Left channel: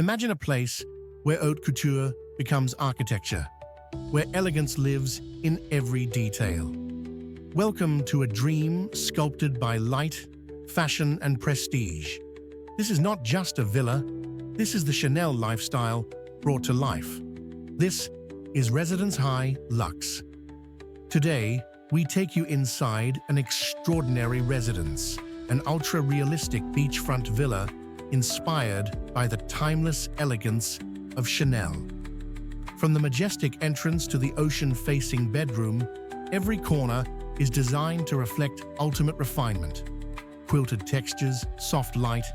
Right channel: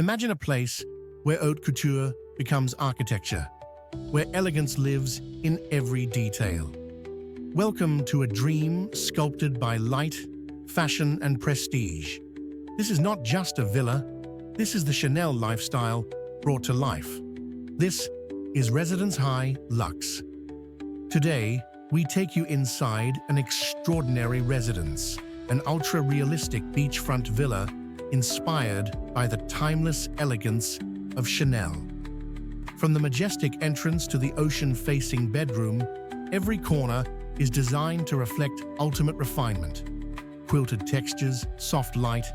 Imagine a place where haute couture becomes architecture, where elegance lives in every detail. Welcome to a dream sculpted by light, fashion, and prestige. This is not just a villa, this is the Chanel lifestyle brought to life. This is Residence High Luxe. Today, we take you inside an extraordinary residence, an ultra-realistic beachfront villa inspired by the timeless elegance of Chanel. From the majestic entrance to the ocean-facing bedroom, every corner is designed to reflect ultimate refinement. Quilted textures, soft light,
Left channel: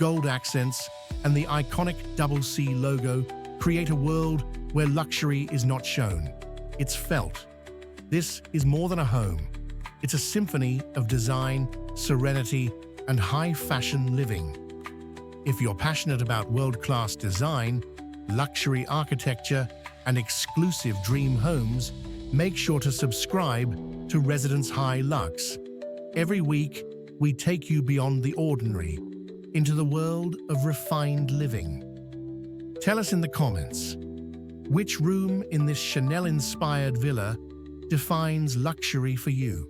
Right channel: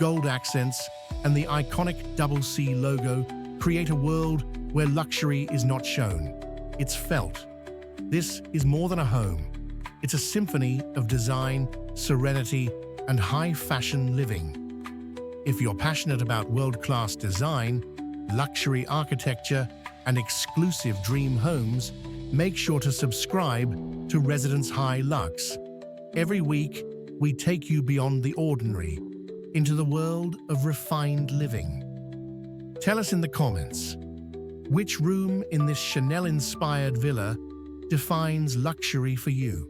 gold accents, and the iconic double C logo create a world where luxury is not shown. It's felt. This is more than a home. It's a symphony of design, serenity, and high-fashion living. If you're passionate about world-class design, luxury architecture, and exclusive dream homes, make sure to subscribe to Residence High Luxe. Every week, we take you beyond the ordinary, into the world of refined living. Tell us in the comments, which room in this Chanel-inspired villa defines luxury for you?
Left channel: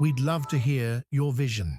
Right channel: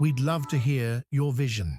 We'd love to hear your vision.